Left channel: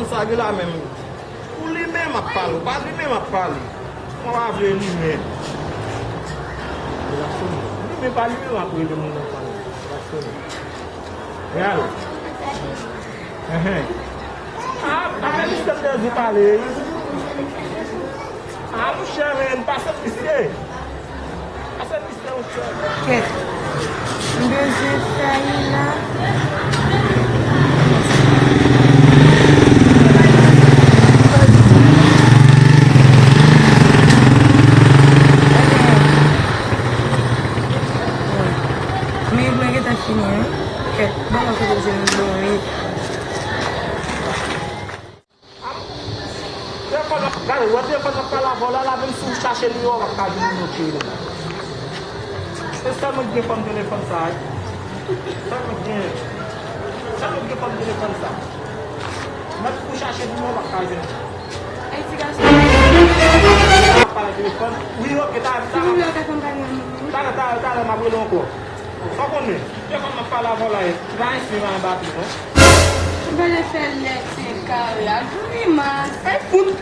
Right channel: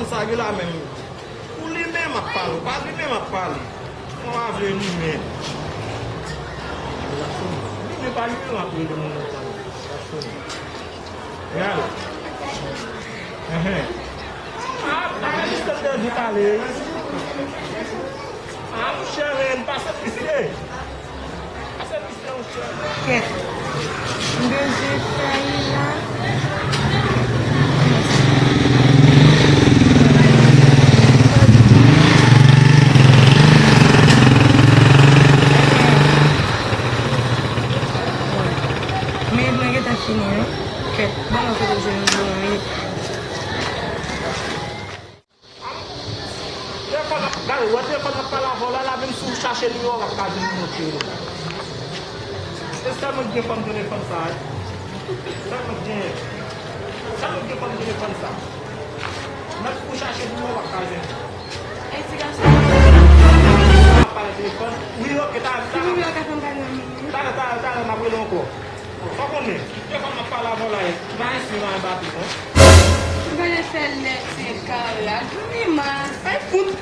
téléphone ça que là même. Pour lui-même à parler, pas lui-même à parler. On va venir lui-même. Lui-même pas lui-même à parler de mon nom. Regarde. Ah, je te dis parler. Ah, mon cher, passe à pisser. Passe à pisser, mon cher. Qu'est-ce? Beijo, Saína. Minute kita sini ya. Oke, bang aku di sini dulu minute. Dia faz aquela bola lá vem sujar ele ó, a casa no tiro. Você sabe que como telefone sai? Sabe que como telefone sai? Mas puxar ele no a casa. Aí se gasta. Para o telefone. O Rio que tá. Tá, mas eu não vou. Só quando eu vou falar bola aí, vai em cima da batida. Vai ser leque, cara. Mas é fundo.